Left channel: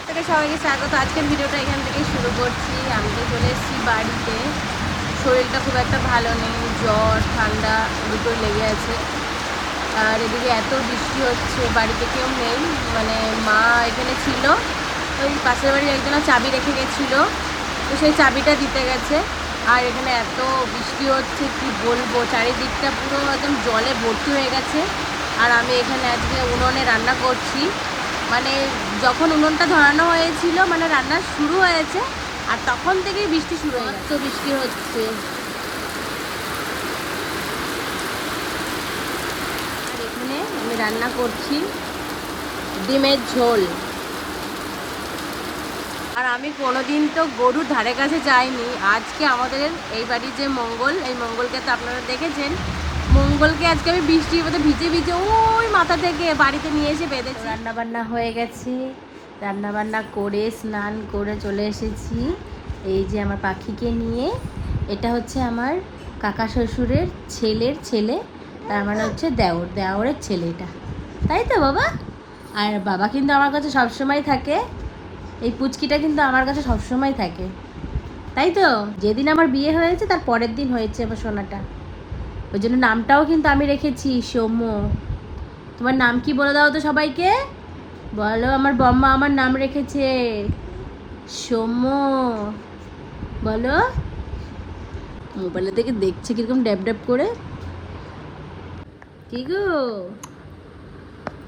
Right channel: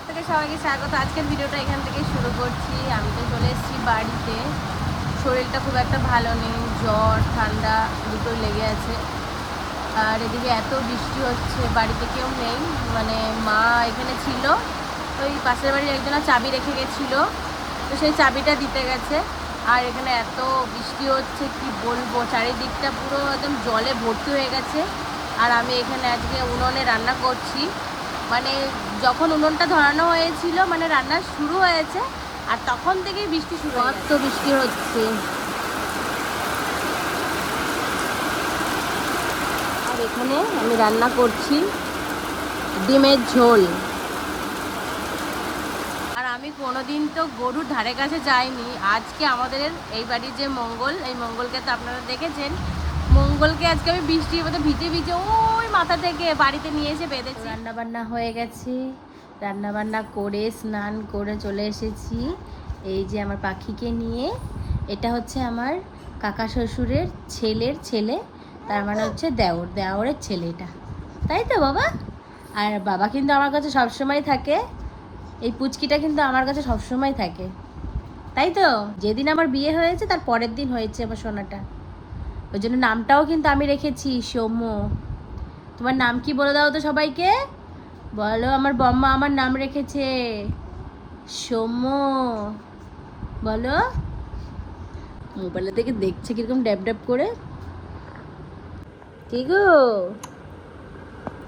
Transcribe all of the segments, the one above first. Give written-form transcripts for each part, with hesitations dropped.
Blog থেকে সবাইকে স্বাগত। আজকের ভিডিওটা এখান থেকে শুরু করছি। আমি তো চলে এসেছি বাড়িতে। শরীরটা খুব একটা ভালো নেই, জ্বর ঠান্ডা দুটোই লেগে আছে। আর এদিকে এত বৃষ্টি হচ্ছে, বাড়িতে কেউ নেই, মানে মা এখানে ছিল, ওই পাশের বাড়ির একজনের চাবি রেখে গেছিলো, তো সেই চাবিটা দিতে গেছে। আর এখানে এত বৃষ্টি হচ্ছে কি বলবো, চারিদিকটা পুরো একদম জলে ভর্তি হয়ে গেছে। আর আমি এখানে আজকে উনুনে রান্না করছি, মানে যখন উনুনটা ধরানো হয়েছিল মানে রান্না শুরু হয়েছে, আর তখন থেকেই বৃষ্টি শুরু হয়ে গেছে। তো বৃষ্টি হচ্ছে আর এখানে আমি রান্না করছি ডিমের ঝোল। আর আমি কোনোদিন তো গরুর ধারে কাছে যাইনি, আজকে আমাদের এই বাড়ির যে মঙ্গল, এই মঙ্গলকে তো আপনারা দেখেছেন, মঙ্গলকে আজকে আমি বৃষ্টির মধ্যে ভিজে ভিজে ওই মাথা থেকে বাড়িতে নিয়ে এসে বেঁধেছি। রান্নাবান্না হয়ে গেছে, রান্নাবান্না করে স্নান করে চলে এসেছি এই যে আমার পাখিকে নিয়ে। এটা হচ্ছে আমার কাকা শ্বশুরের ছেলের ছেলে, তার মানে হচ্ছে দেওরের ছেলে এটা, তাই তো বাবা? আর বাবা কিন্তু আমার কাছে সবসময় থাকে, এই পুচকিটা কিন্তু আমার কাছে সবসময় থাকে, তাই তো? যেদিন আমার বিয়ে হয়েছে তার পরের দিন হয়েছে আমার সোনাটা, ওই জন্য নামটাও কিন্তু আমি রেখেছি সৌম্য। তোমার নাম কি বলে দাও তো সবাইকে, বলো। আমার বম্মা আমার নাম রেখেছে সৌম্য, বলো। মোবাইলে থেকে দেখছে কিরকম ড্যাব ড্যাব করে। কি গো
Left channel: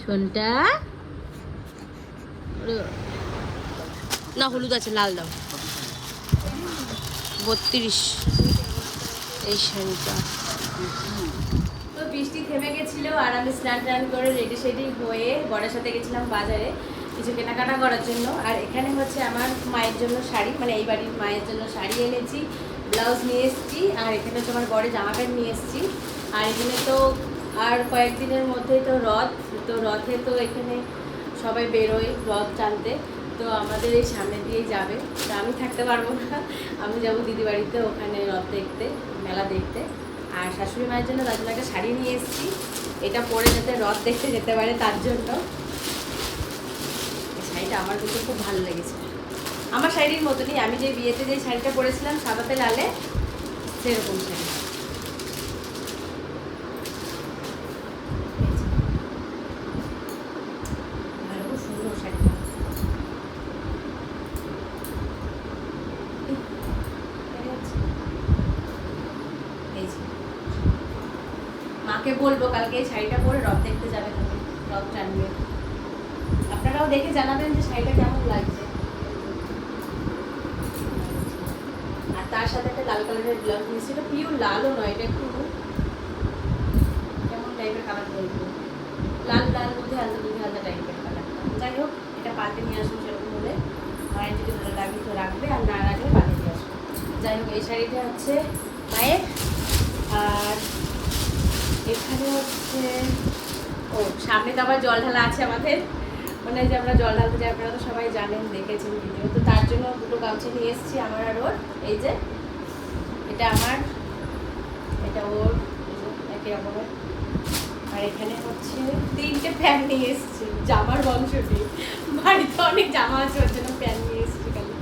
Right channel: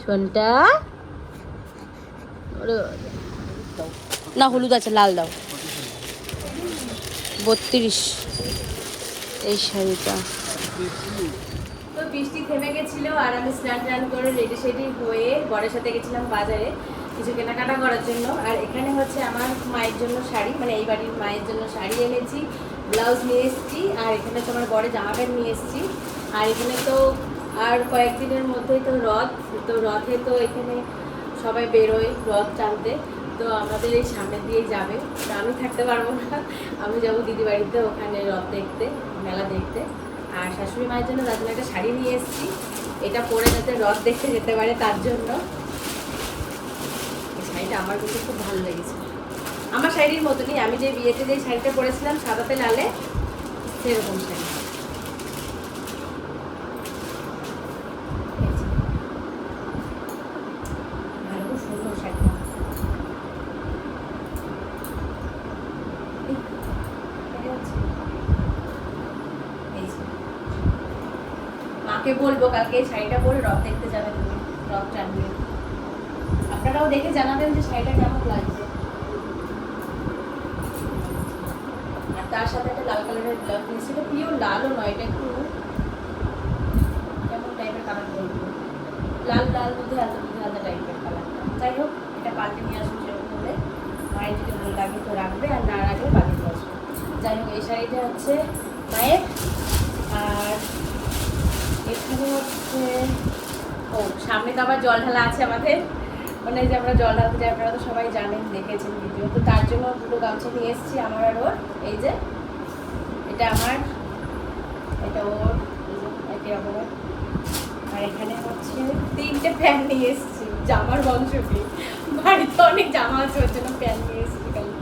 শোনটা, না হলুদ আছে, লাল দাও। 32 এই শাড়িটা। তো বৃষ্টি থেমে গেছিল আর আমি স্নান টান করে রেডি সেডি হয়ে বরের সাথে গেছিলাম বাজারে কিছু কেনাকাটা করার জন্য। আর এখানে হচ্ছে আমার মায়ের জন্য শাড়ি, মানে এই বাড়ির মায়ের জন্য শাড়ি এনেছি, ব্লাউজ নিয়ে এসেছি, আর এখানে তো আমার বরের জামা প্যান্ট নিয়ে এসেছি। আর এখানে তো আর কয়েকদিনের মধ্যেই তো রথ, তো রথে তো এখানে সবাই বেরোয় রথ টানতে, তো আমাদের এই সামনে দিয়েই যাবে, তো আমি থাকতে পারবো না, আমি যাবো দিদি বাড়িতে, ওখানে রথ দেখতে, মেলা দেখতে। আর শাশুড়ি মায়ের জন্য তার জন্য একটা শাড়ি নিয়ে এসেছি, এটা পরে যাতে রথ দেখতে যেতে পারে তার জন্য। এই শাড়িটা আমার কিন্তু খুব ভালো লেগেছে, আমার শাড়ির মতনই, আমি যে বিয়েতে যে শাড়িটা পরেছিলাম সাদাতে লালে, সেরকম শাড়ি। খুব সুন্দর শাড়িটা। মাকে বলবো কালকে এই শাড়িটা পরে রথ দেখতে যাবে, তুমি রথ টানবে। আপনারাও দেখে জানাবেন যে শাড়িটা কেমন লাগছে। আর তার সাথে একটা লাল কালারের ব্লাউজ নিয়েছিল, পিওর লালও নয়, এটা একটু কেমন টাইপের কালার বলবো, লাল লাল মধ্যে হালকা মধ্যে হালকা টাইপের কালার। যাই হোক, এটা পাল্টে নিয়ে আসুন সেরকম হলে, মায়ের যদি ভালো লাগে তো রাখবে, আর না রাখলে পাল্টে নিয়ে আসবে। যাই হোক, এই শাড়িটা হচ্ছে মায়ের। আর এখানে হচ্ছে, ও সামনে তো আবার জল ঢালা আছে আমাদের, মানে যে আমরা জল ঢালতে যাই, আপনারা তো সবাই জানেন, দেখেছেন ভিডিও, তো তার জন্য দুটো গামছা নিয়ে এসেছি আমার আর ওর। এই যে এটা আমার, এটা ওর, এটি আমার। আর এখানে হচ্ছে 3টে প্যান্ট নিয়ে এসেছি জামার বংশ দিয়ে, বাড়িতে অনেক জামা আছে ওর জন্য প্যান্ট নিয়ে এসেছি খালি।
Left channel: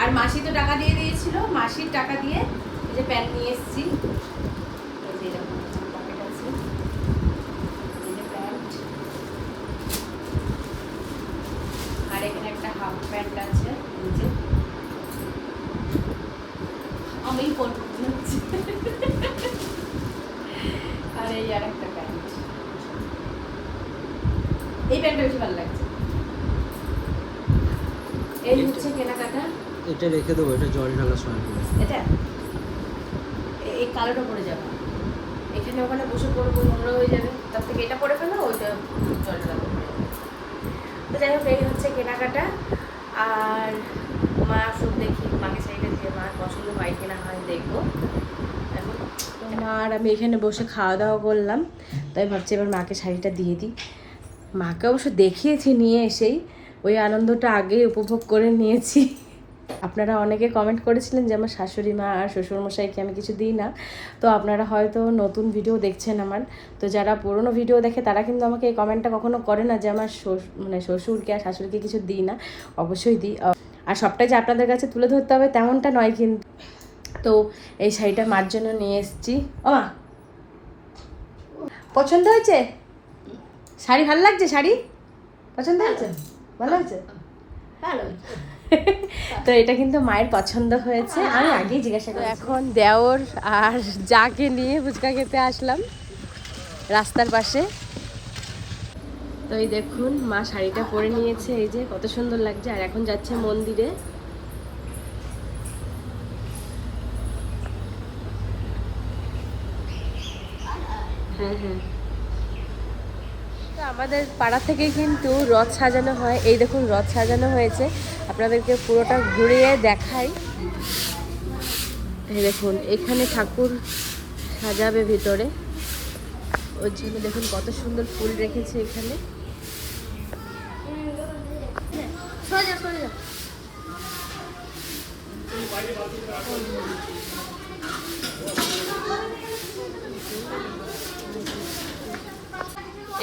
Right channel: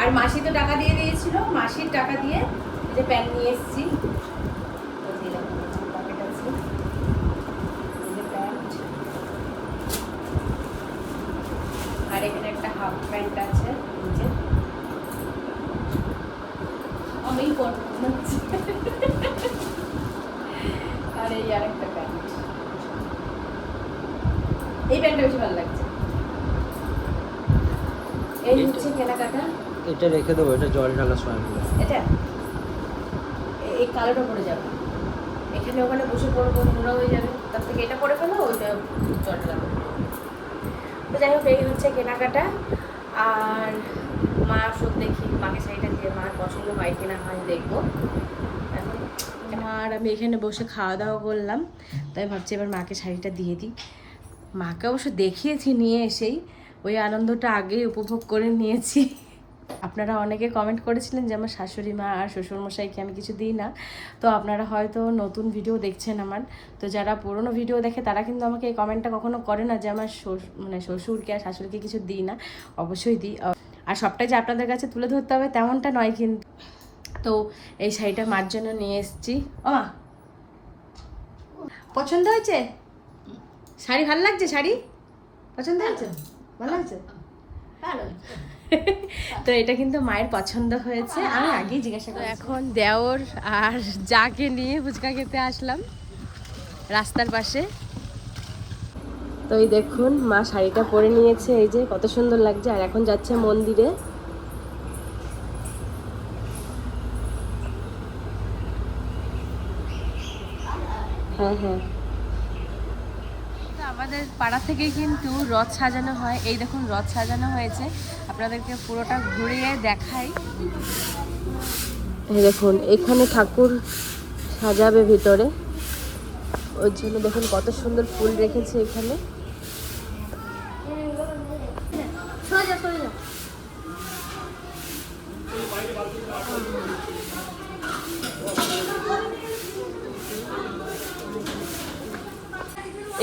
আর মাসি তো টাকা দিয়ে দিয়েছিল, মাসির টাকা দিয়ে যে প্যান্ট নিয়ে এসেছি। আর এখানে একটা হাফ প্যান্ট আছে নিচে, আমি পরবো মনে হচ্ছে। আর এই আর একটা প্যান্ট, এই প্যান্টটা বেশি ভালো লাগছে। এই হচ্ছে কেনাকাটা। এটা রেখে দেবো, এটা জল ঢালার সময় এটা এই কালোটা পরে যাবে, এখানে ওখানে বসে পড়বো, নোংরা হয়ে যাবে, তার থেকে এটা পরে ফেলো, ওইটা জলটা লাগবে। তো যাই হোক, এই হচ্ছে কেনাকাটা। আর মা সব দেখি, মাকে শাড়িটা দিয়ে মার পছন্দ হয় কিনা হয় দেখবো এখন। মা আর আমি এখানে বসে খাওয়া দাওয়া করলাম, তাই ভাবছি এবার মাকে শাড়িটা দিয়ে দিই। মাকে অবশ্য দেখিয়েছি নিয়ে এসেই, ওই আনন্দটা আগেই উপভোগ করে নিয়েছি। আপনারা অনেকে কমেন্ট করেছিলেন যে আমার শাশুড়ি মা আর শ্বশুরমশাইকে আমি কিছু দিই না। তো আপনারা হয়তো নতুন ভিডিও দেখছেন আমার, তো যারা পুরনো ভিডিও দেখে তারা কিন্তু আমাকে এই কমেন্টটা কখনো করে না যে আমার মানে শ্বশুরকে আর শাশুড়িকে কিছু দিই না। অবশ্যই দিই, আর সবটাই যে আপনাদের কাছে তুলে ধরতে হবে তেমনটা নয় কিন্তু। তো এই শাড়িটা মার জন্য নিয়ে এসেছি। ও মা, পছন্দ হয়েছে শাড়ি? ভালো লাগছে শাড়ি? পছন্দ হয়েছে? ভালো লাগছে? তো এটা কিন্তু মায়ের পছন্দ হয়েছে, আমি আগেই জিজ্ঞাসা করি। এখন দেওর আর যাকে নিয়ে ফুচকা খেতে আসলাম রাস্তার পাশে। তো এই দেখুন মা শাড়িটা পরে নিয়েছে, এই যে কত সুন্দর লাগছে। আর এখন যাচ্ছে মন্দিরে। হ্যাঁ হ্যাঁ, আমাদের পাড়া থেকে কিন্তু রথ সাজানো হয়। এই দেখুন রথ সাজানো হয়েছে, আপনাদেরকে পুরোটা ঘুরিয়ে দেখাই। এই দেখুন এখানে ঠাকুর সাজাবে ভিতরে, ওর জন্য দেখুন কত সুন্দর ফুল রেখেছে এখানে।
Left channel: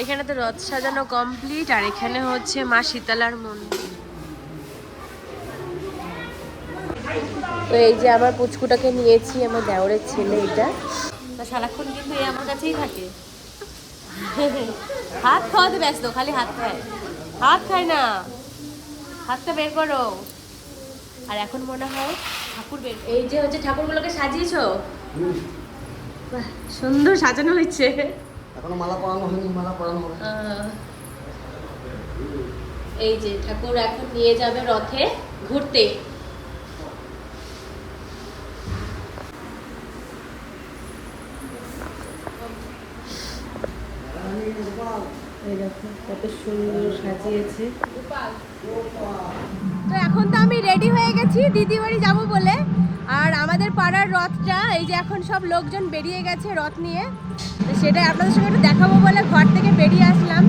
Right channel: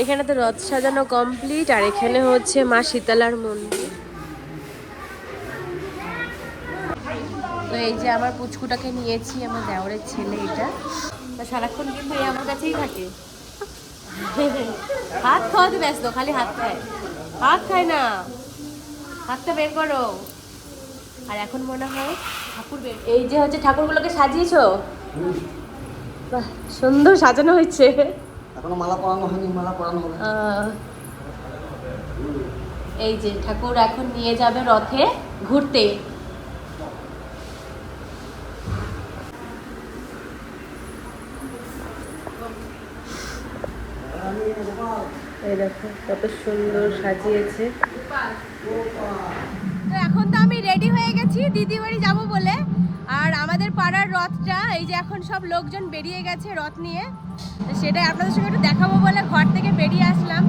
এখানে তো রথ সাজানো কমপ্লিট, আর এখানে হচ্ছে মা শীতলার মন্দির। তো এই যে আমার পুচকুটাকে নিয়েছি, আমার দেওরের ছেলে এটা, তা সারাক্ষণ কিন্তু এই আমার কাছেই থাকে। হাত খাওয়াতে ব্যস্ত, খালি হাত খায়, হাত খায় না, হাতটা বের করো। আর এখন মনে হয় ঠাকুর বের, এই যে হচ্ছে ঠাকুরগুলোকে সাজিয়েছো, বাহ সুন্দর সাজানো হয়েছে। এখনো মালা পরানো হয়নি, মালা পরানো হবে। এই যে ঠাকুর এখন নিয়ে যাবে রথে ঘুরতে। এই দেখো কত সুন্দর সাজিয়েছে। তো এখন তো আমি রেডি হয়ে গেছি দিদি বাড়ি যাবো বলে। আর আমাদের পাড়ার রথটা এই যে এখন সব লোকজন বেরিয়ে গেছে রথ নিয়ে, তো সেটাই আপনাদের সঙ্গে একটু দেখাবো বলে ঘর থেকে বেরিয়ে আসলাম।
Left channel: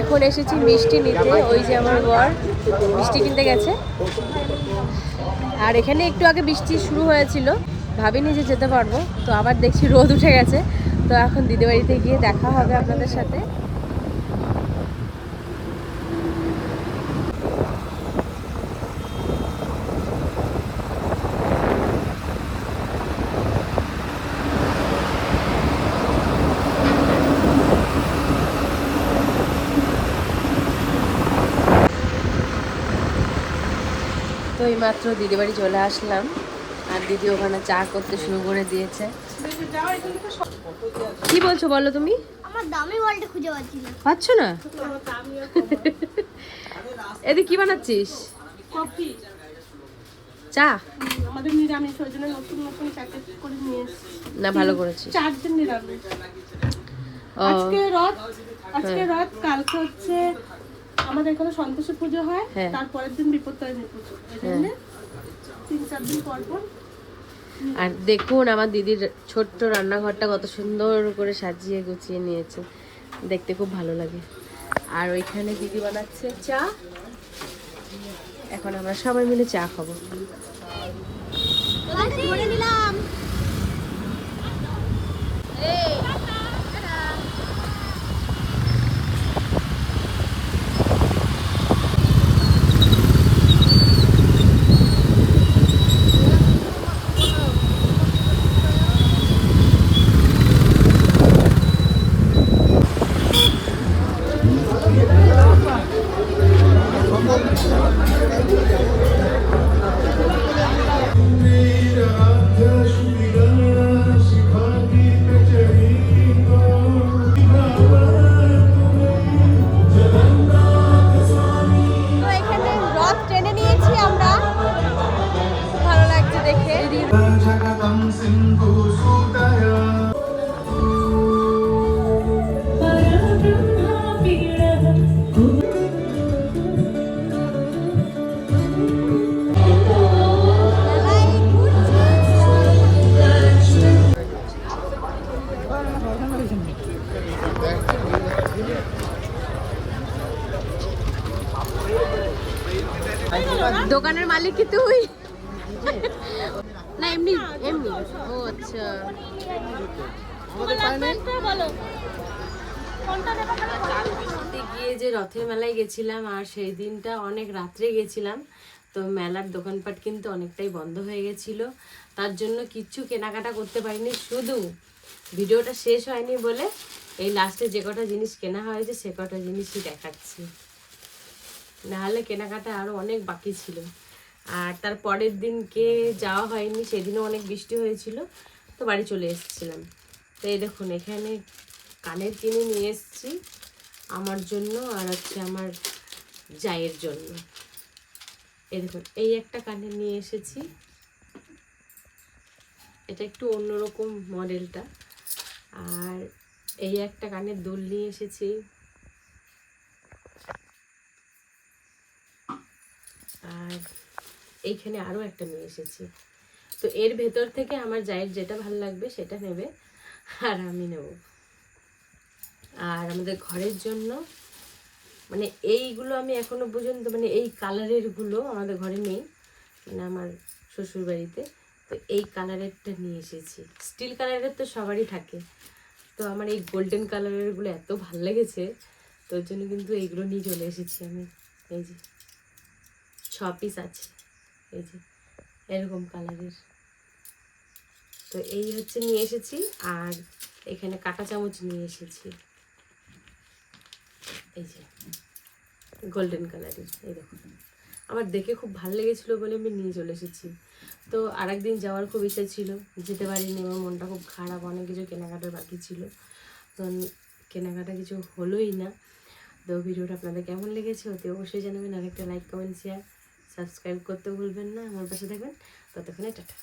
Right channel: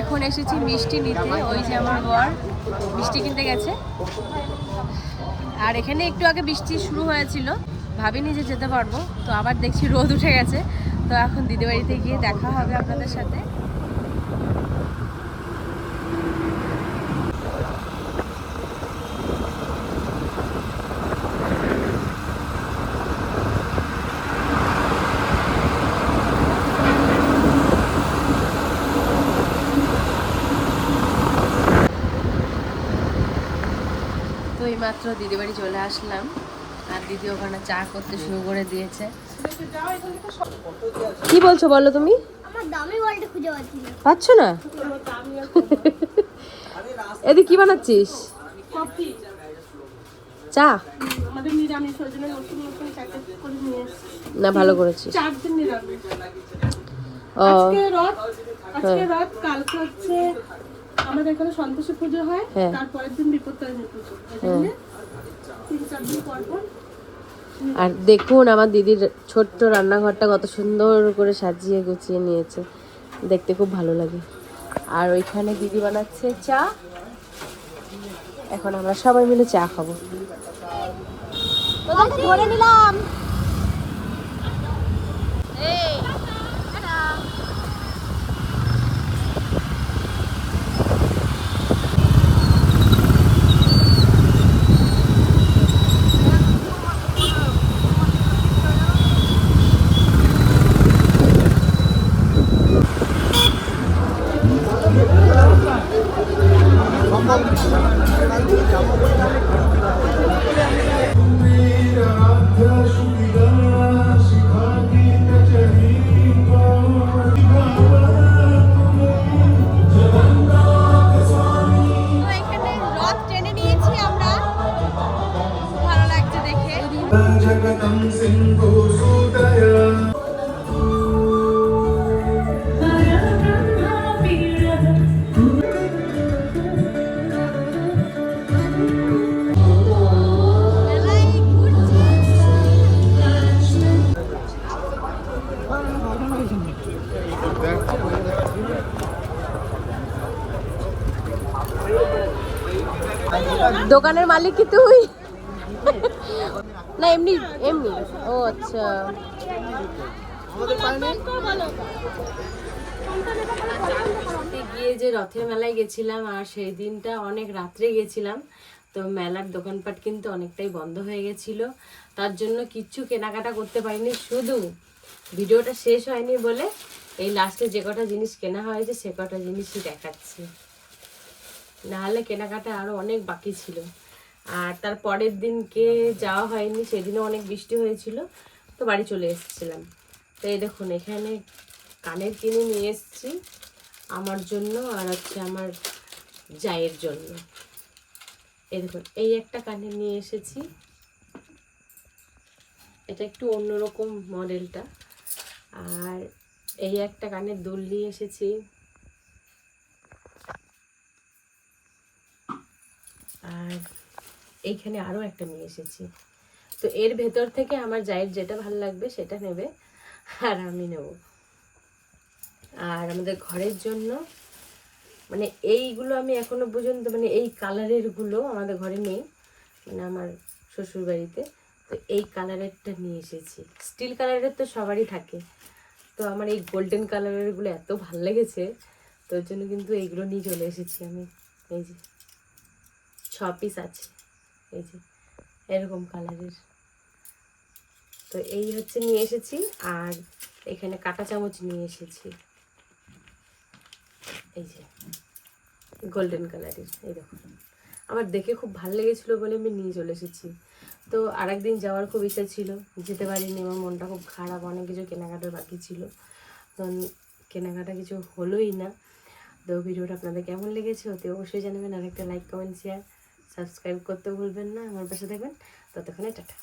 এখন এসেছি মিষ্টি নিতে, ওই যে আমার বর মিষ্টি কিনতে গেছে। আর এখানে একটু আগে বৃষ্টি শুরু হয়েছিল, ভাবিনি যে যেতে পারবো, তো আবার দেখছি রোদ উঠে গেছে। তো এখন দিদিবাড়িতে গিয়ে দেখা হবে আপনাদের সাথে। মাত্র দিদি বাড়ি চলে আসলাম, আর দিদি ওখানে চা করতে শুরু করে দিয়েছে। কি বলছো বলো তুমি? আমার দামি বলটা খুঁজে পাচ্ছি না। পাচ্ছ না? এদি কি বানাচ্ছিস? কফি, চা। আমাদের নিরামিষ ওই জন্য নতুন নতুন প্যাকেট করে নিয়ে এসেছি। না ভালো করেছিস। 4 দিন নিরামিষ। ও আজকে রাত কালকে হচ্ছে আমাদের এখানে সন্তোষী পুজো হয়, তারপরের দিন বিপত্তারিণী পুজো, এজন্য 3-4 দিন পর পর। আর দেখুন আমার দিদির ছোট্ট রান্নাঘরটা কত সুন্দর করে সাজিয়ে গুছিয়ে নিয়েছে, দেখতে খুব ভালো লাগে। আর ওইখানে দিদি বানাচ্ছে চা, এখন আমরা সবাই মিলে চা খাবো। ধরে নিলাম। দেখে। দোকানের মালিক কি তুই? না এমনি এমনি। ও আচ্ছা। গিয়ে যে রথের মেলায় গেছিলাম, আর সেই দিনটা অনেক রাত্রে গেছিলাম, তো মেলার দোকানপাট কিন্তু অনেকটাই বন্ধ হয়ে গেছিল, তার জন্য কিচ্ছু কেনাকাটা করতে পারিনি। শুধু ভিডিওটা শেষ হয়নি বলে এই লাস্টে যে কটা জিনিস কেনা হয়েছে সে কটা জিনিসই দেখাচ্ছি, নাহলে কেনাকাটা আরো অনেক বাকি ছিল। আর তার পরের দিনকে যাওয়া হয়নি, সেদিনও অনেক বৃষ্টি হয়েছিল, তো বাড়ি চলে এসেছিলাম। তো এই দেখুন এখানে কানের কিনে নিয়ে এসেছি আমার জন্য আর হচ্ছে আমার জায়ের জন্য। এই দেখুন এই একটা কানের নিয়ে এসেছি, এটা একটু অন্যরকম মডেলটা। আর এই একটা কানের দুল নিয়ে এসেছি। আর এইখানে আরো একটা নিয়ে এসেছি। তো এর ভেতর থেকে আমার জায়ের যেটা ভালো লাগবে সেটা নেবে আর আমি নেব। আর আমাদের ঘরের জন্য মানে এইগুলো আমি এখনো পর্যন্ত মানে এই কালারের গুলো আমাদের ঘরে নেই, মানে আমার শ্বশুর বাড়িতে। তো এই কালারেরটা নিয়ে এসেছি। স্টিল কালারের তো সবারই থাকে, তো আমার এই গোল্ডেন কালারের গুলো এত ভালো লেগেছে, তো ওর জন্য কিন্তু এইগুলো নিয়ে চলে এসেছি আমি। এই যে 6 পিস আছে, এই যে এরকম কালারের। তো এই হচ্ছে নিয়ে এসেছি। আর এখানে কাঁটা চামচ নিয়ে এসেছি, এই যে গোল্ডেন কালারের। এই দেখুন আমার দেখে খুব ভালো লেগেছিলো বলে আমি নিয়ে চলে এসেছি। তো আরেকদিন যাওয়ার খুব ইচ্ছা ছিল, যেতে পারিনি, আমার মনটা খুব খারাপ, অনেক কিছু কেনাকাটার বাকি ছিল, তো কেনাকাটা কিছু হলোই না। তো ভিডিওটা আপনাদের কেমন লেগেছে অতি অবশ্যই জানাবেন। আর একটা লাইক কমেন্ট শেয়ার সাবস্ক্রাইব করতে ভুলবেন না, আমার পাশে থাকবেন। ততক্ষণে টাটা।